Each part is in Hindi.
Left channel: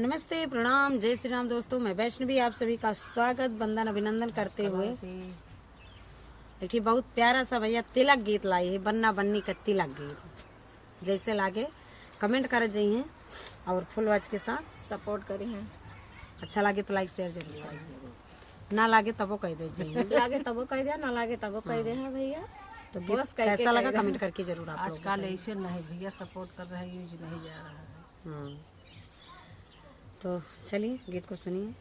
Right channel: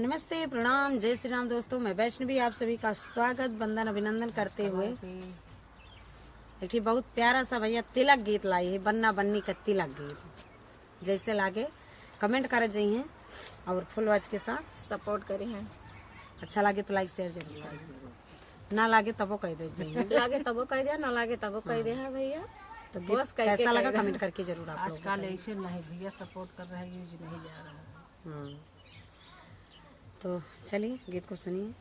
नमस्ते, प्रणाम, जय श्री राम दोस्तों। मैं वैष्णवी आप सभी का स्वागत वंदन अभिनंदन करते हुए एक बहुत प्यारा सा भैया तिलक गीत लाई है। बन्ना बन्नी का तिलक गीत जैसे लागे कमेंट कर जाइए और फुल वॉच के साथ सपोर्ट करी हूँ। अच्छा लागे तो लाइक शेयर जरूर करिए, ना लागे तबो कह दे जाइए। लागे तबो कह दे, ना लागे तबो कह दे। हाँ भैया, तो गीत कैसा लगा कमेंट करके जरूर आप लोग आजकल ऐसे नहीं भैया सपोर्ट कर रहे हैं, यूज नहीं जा रहा है। तो चलिए गीत को सुनिए।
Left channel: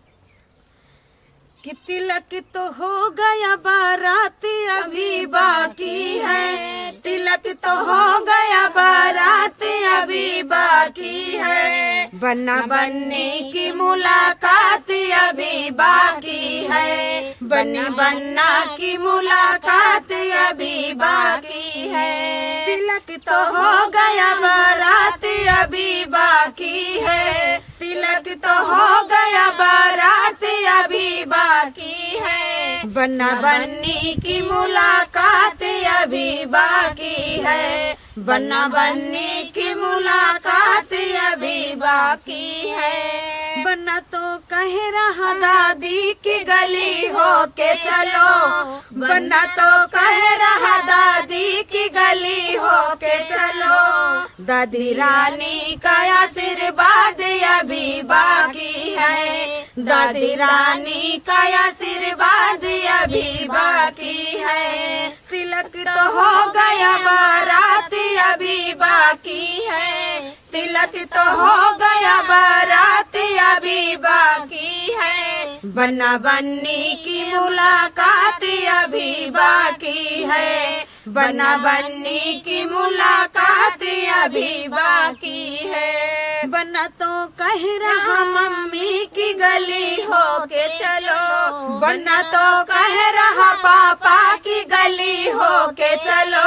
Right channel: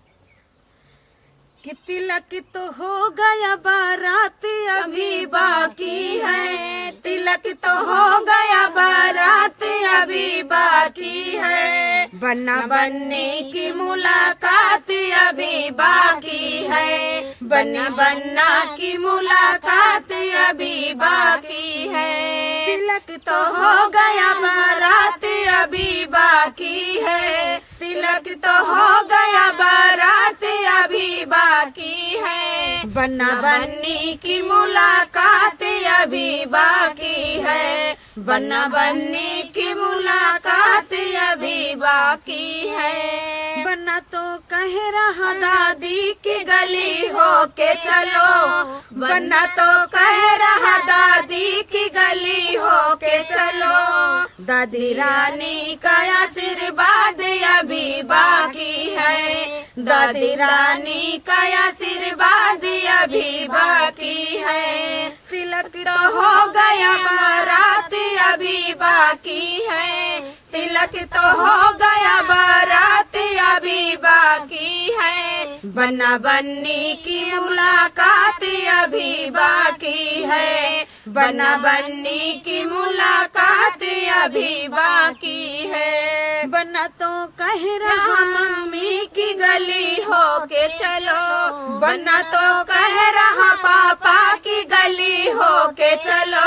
कि तिलक तो हो गया बारात अभी बाकी है, तिलक तो हो गया बारात अभी बाकी है, बन्ना बन्नी की मुलाकात अभी बाकी है, बन्नी बन्ना की मुलाकात अभी बाकी है। तिलक तो हो गया बारात अभी बाकी है, तिलक तो हो गया बारात अभी बाकी है, बन्ना बन्नी की मुलाकात अभी बाकी है, बन्ना बन्नी की मुलाकात अभी बाकी है। बन्ना तो कह रहा दादी की गली हो के चलो, बन्ना तो कह रहा दादी की गली हो के चलो, दादी रानी का आशीर्वाद अभी बाकी है, दादी रानी का आशीर्वाद अभी बाकी है। तिलक तो हो गया बारात अभी बाकी है, तिलक तो हो गया बारात अभी बाकी है, बन्ना बन्नी की मुलाकात अभी बाकी है, बन्ना बन्नी की मुलाकात अभी बाकी है। बन्ना तो कह रहा मम्मी की गली हो के चलो, बन्ना तो कह रहा पापा की गली हो के चलो,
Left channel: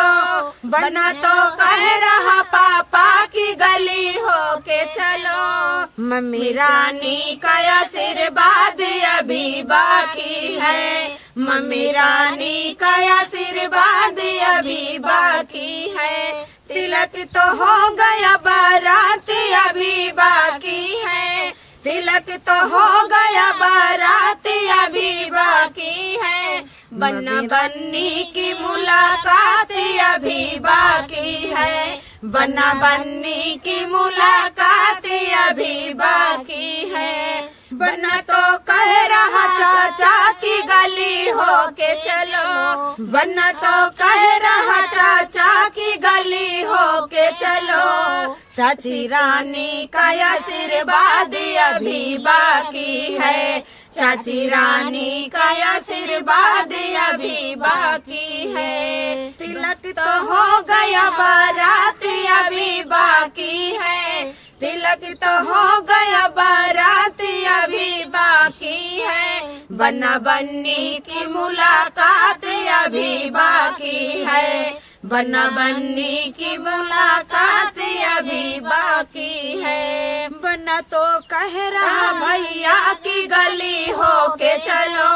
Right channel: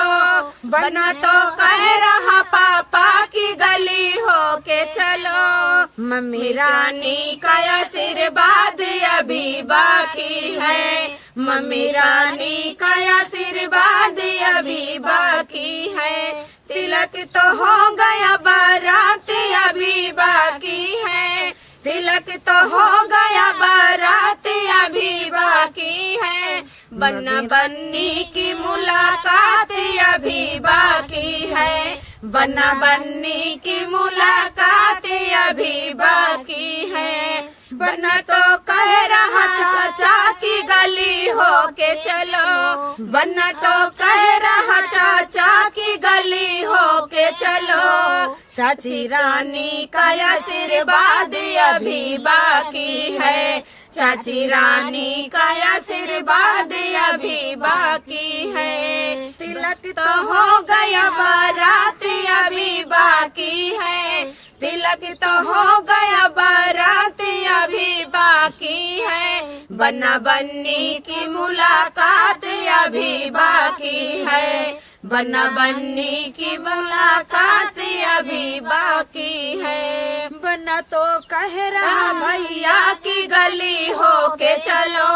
बन्ना तो कह रहा पापा की गली हो के चलो, मम्मी रानी का आशीर्वाद अभी बाकी है, मम्मी रानी का आशीर्वाद अभी बाकी है। तिलक तो हो गया बारात अभी बाकी है, तिलक तो हो गया बारात अभी बाकी है, बन्ना बन्नी की मुलाकात अभी बाकी है, बन्ना बन्नी की मुलाकात अभी बाकी है। बन्ना तो कह रहा चाचा की गली हो के चलो, बन्ना तो कह रहा चाचा की गली हो के चलो, चाची रानी का आशीर्वाद अभी बाकी है, चाची रानी का आशीर्वाद अभी बाकी है। तिलक तो हो गया बारात अभी बाकी है, तिलक तो हो गया बारात अभी बाकी है, बन्ना बन्नी की मुलाकात अभी बाकी है, बन्ना बन्नी की मुलाकात अभी बाकी है। बन्ना तो कह रहा भैया की गली हो के चलो,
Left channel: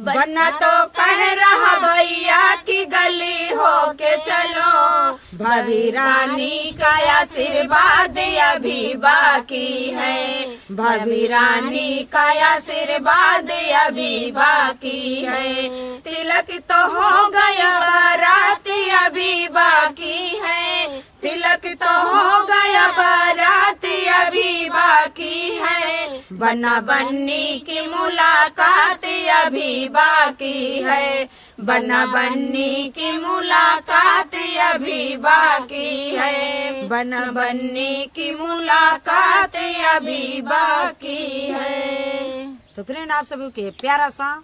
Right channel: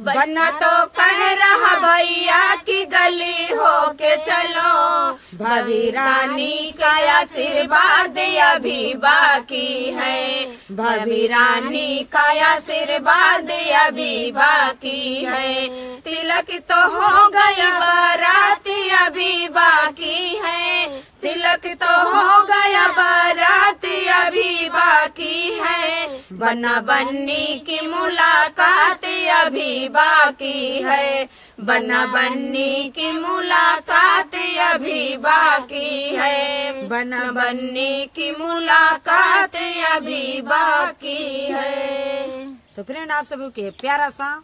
बन्ना तो कह रहा भैया की गली हो के चलो, भाभी रानी का आशीर्वाद अभी बाकी है, भाभी रानी का आशीर्वाद अभी बाकी है। तिलक तो हो गया बारात अभी बाकी है, तिलक तो हो गया बारात अभी बाकी है, बन्ना बन्नी की मुलाकात अभी बाकी है, बन्ना बन्नी की मुलाकात अभी बाकी है, बन्ना बन्नी की मुलाकात अभी बाकी है। तो फ्रेंड आप सभी के प्यारा सा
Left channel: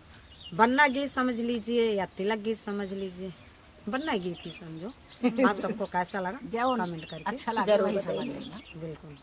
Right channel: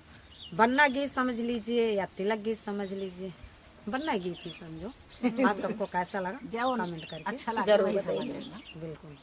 बन्ना गीत समझ लीजिए या तिलक गीत समझ लीजिए, बन्ना गीत ही समझो। आप सबको कैसा लगा कमेंट करके अच्छा लगा बिल्कुल।